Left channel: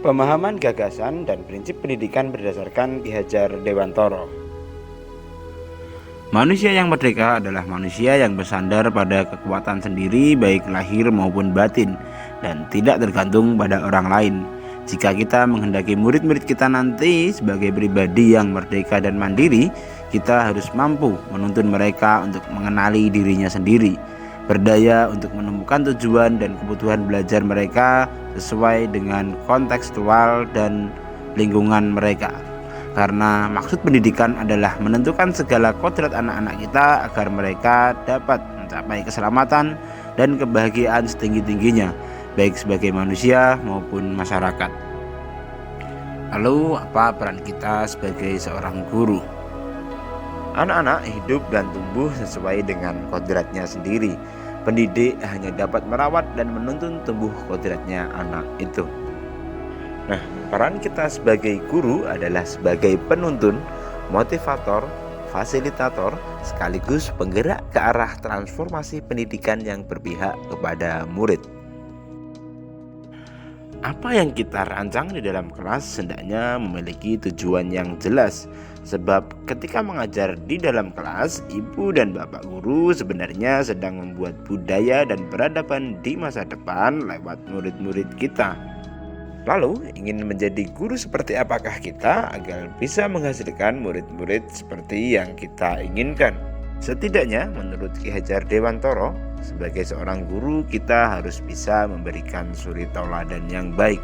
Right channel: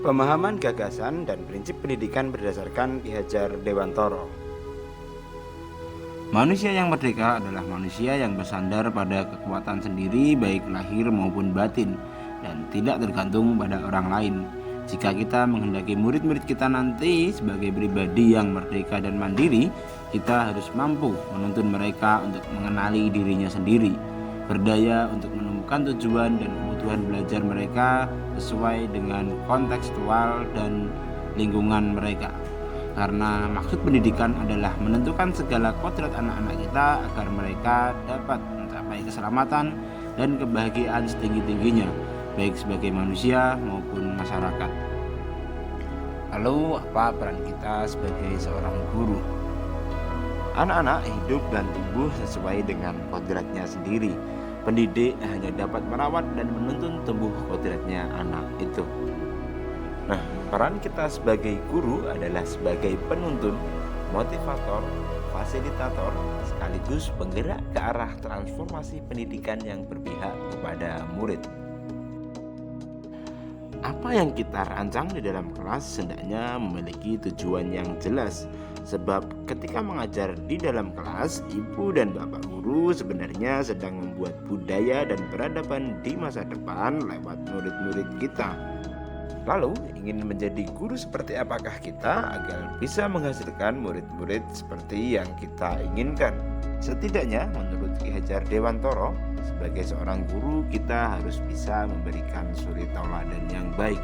Pemahaman gagasan dan prinsip pendidikan berdasarkan Ki Hajar Dewantoro. Manusia yang merdeka adalah manusia yang bersandar pada kekuatan sendiri baik lahir maupun batin dan tidak tergantung pada orang lain. Jika kita menghendaki murid-murid kita nanti sebagai pribadi yang merdeka dan mandiri, kita harus mampu menuntun mereka untuk mengenali dirinya sendiri, berdaya untuk menemukan tujuan dan kebutuhan belajar mereka sesuai dengan kontekstual dan lingkungan mereka. Karena maksud pendidikan adalah menentukan segala kodrat anak-anak kita agar mereka dapat mencapai keselamatan dan kebahagiaan setinggi-tingginya, baik sebagai manusia maupun masyarakat. Lalu apa peran kita sebagai seorang guru? Anak-anak hidup dan tumbuh sesuai dengan kodratnya sendiri. Pendidik hanya dapat merawat dan menuntun tumbuh kodratnya anak itu. Nah, peran kita sebagai guru adalah sebagai penuntun, motivator, fasilitator, sekaligus penggerak ke arah transformasi pendidikan yang berpihak kepada murid. Apa yang kita rancang di dalam kelas hendaknya memiliki tujuan yang jelas. Sebab ketika mengajar di dalam kelas, ibu dan bapak guru sebenarnya sedang membuat budaya dan peradaban di masa depan lewat murid-murid kita. Lalu, ingin menjadi guru seperti apakah kita agar bisa menghasilkan murid-murid seperti yang kita inginkan? Setidaknya menurut Ki Hajar Dewantoro, sebagai seorang guru kita harus bisa memberikan suri tauladan yang baik.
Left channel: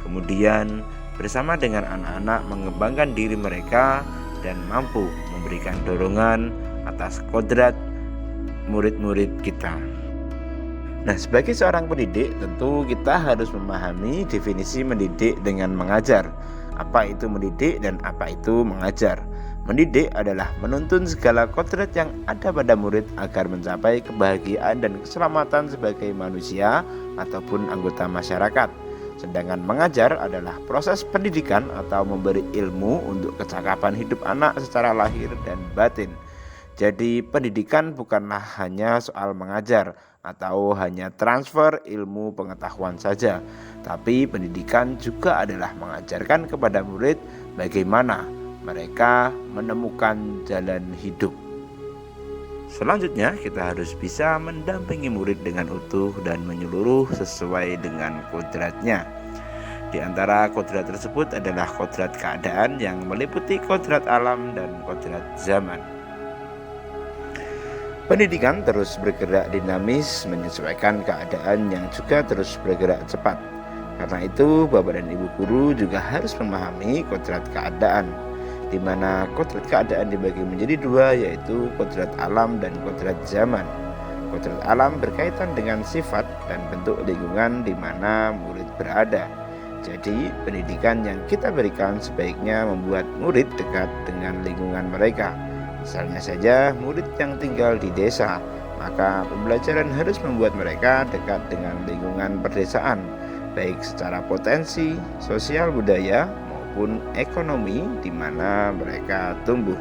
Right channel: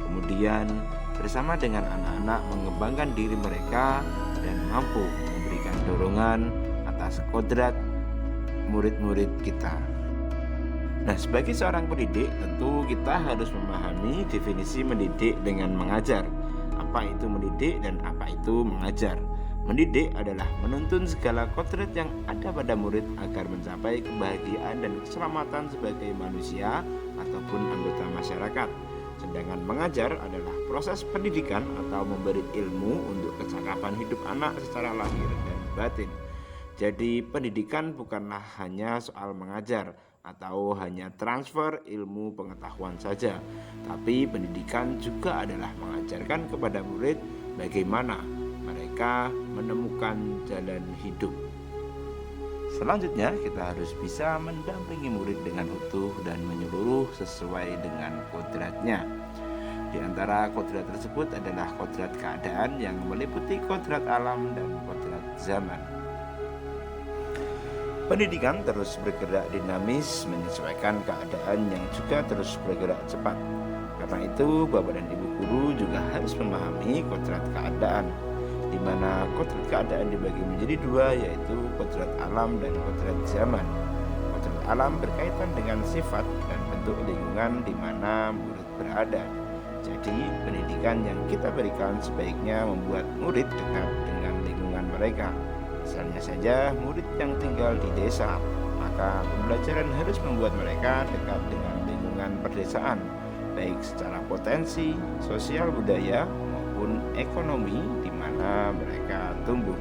Kemudian bersama dengan anak-anak mengembangkan diri mereka dan mampu memberikan dorongan atas kodrat murid-murid kita. Nah, sebagai seorang pendidik, tentu kita harus memahami definisi mendidik dengan mengajar. Apa itu mendidik dan apa itu mengajar? Mendidik adalah menuntun segala kodrat yang ada pada murid agar mencapai kebahagiaan dan keselamatan sebagai manusia ataupun anggota masyarakat. Sedangkan mengajar adalah proses pendidikan atau memberi ilmu untuk kecakapan hidup anak secara lahir dan batin. Jadi pendidikan bukanlah hanya soal mengajar atau hanya transfer ilmu pengetahuan saja, tapi pendidikan juga adalah mengajarkan kepada murid bagaimana mereka menemukan jalan hidup. Selanjutnya kita harus bisa mendampingi murid dengan utuh dan menyeluruh sesuai dengan kodratnya. Di antara kodrat tersebut adalah kodrat keadaan yang meliputi kodrat alam dan kodrat zaman. Pendidikan terus bergerak dinamis menyesuaikan keadaan yang juga terus bergerak cepat. Karena itu, Bapak dan Ibu guru juga harus memahami kodrat keadaan, di mana kodrat keadaan dibagi menjadi dua, yaitu kodrat alam dan kodrat zaman. Kodrat alam berkaitan dengan sifat dan bentuk lingkungan di mana murid berada. Jadi, pendidikan yang kita berikan sebaiknya membuat murid dekat dengan lingkungan mereka. Misalnya saja murid yang tinggal di desa, maka pembelajaran harus membuat mereka dekat dengan lingkungan perdesaan, baik secara potensi, sosial budaya maupun ekonomi di mana mereka tumbuh.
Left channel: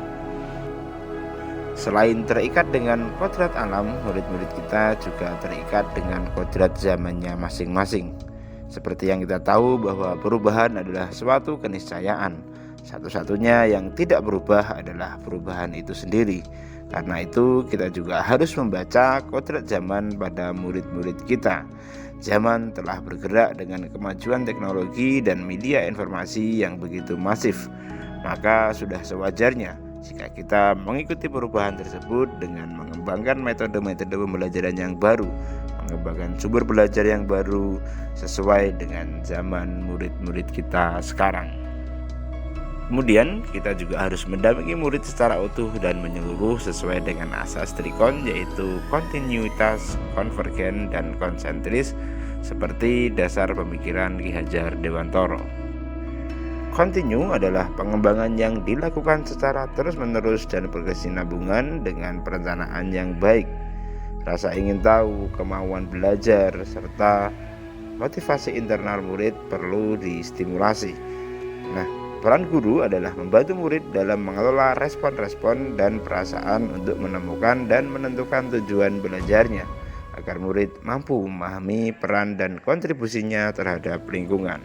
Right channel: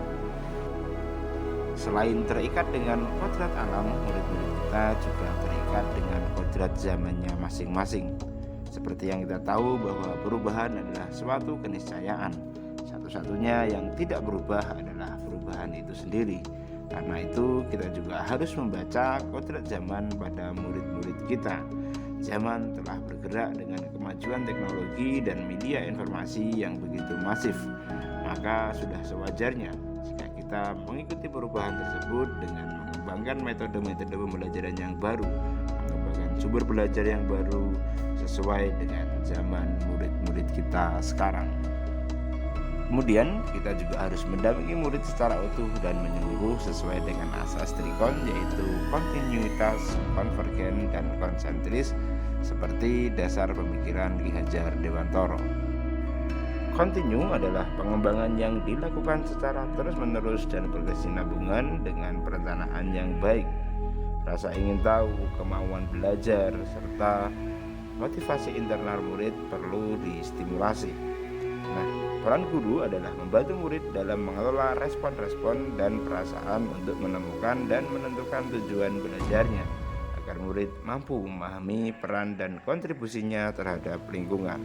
Selain terikat dengan kodrat alam, murid-murid kita juga terikat dengan kodrat zamannya masing-masing. Seperti yang kita tahu bahwa perubahan adalah suatu keniscayaan. Satu-satunya yang tidak berubah adalah perubahan itu sendiri. Karena itu kita juga harus membaca kodrat zaman pada murid-murid kita. Zaman telah bergerak dengan kemajuan teknologi dan media informasi yang begitu masif. Maka sudah sewajarnya jika kita mengikuti perubahan tersebut dengan mengembangkan metode-metode pembelajaran yang baru, mengembangkan sumber belajar yang baru sesuai dengan zaman murid-murid kita sekarang. Kemudian kita juga harus mendampingi murid secara utuh dan menyeluruh sesuai dengan asas trikon, yaitu kontinuitas, konvergen, dan konsentris seperti dasar pemikiran Ki Hajar Dewantoro. Kontinu adalah pengembangan yang dilakukan secara terus-menerus dan berkesinambungan dengan perencanaan yang baik. Rasa ingin tahu, kemauan belajar, serta motivasi internal murid perlu distimulasi. Nah, peran guru adalah membantu murid dalam mengelola respon-respon dan perasaan untuk menemukan dan menentukan tujuan belajarnya, agar murid mampu memahami peran dan kontribusinya terhadap lingkungan.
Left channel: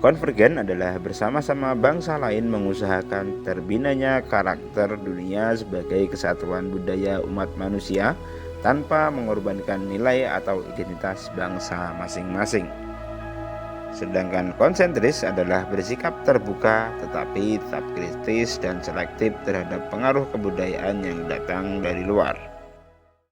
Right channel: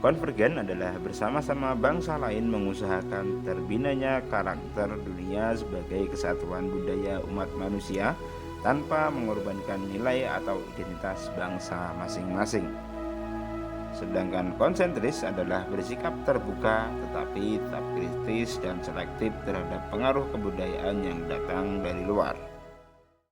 Konvergen adalah bersama-sama bangsa lain mengusahakan terbinanya karakter dunia sebagai kesatuan budaya umat manusia tanpa mengorbankan nilai atau identitas bangsa masing-masing. Sedangkan konsentris adalah bersikap terbuka tetapi tetap kritis dan selektif terhadap pengaruh kebudayaan yang datang dari luar.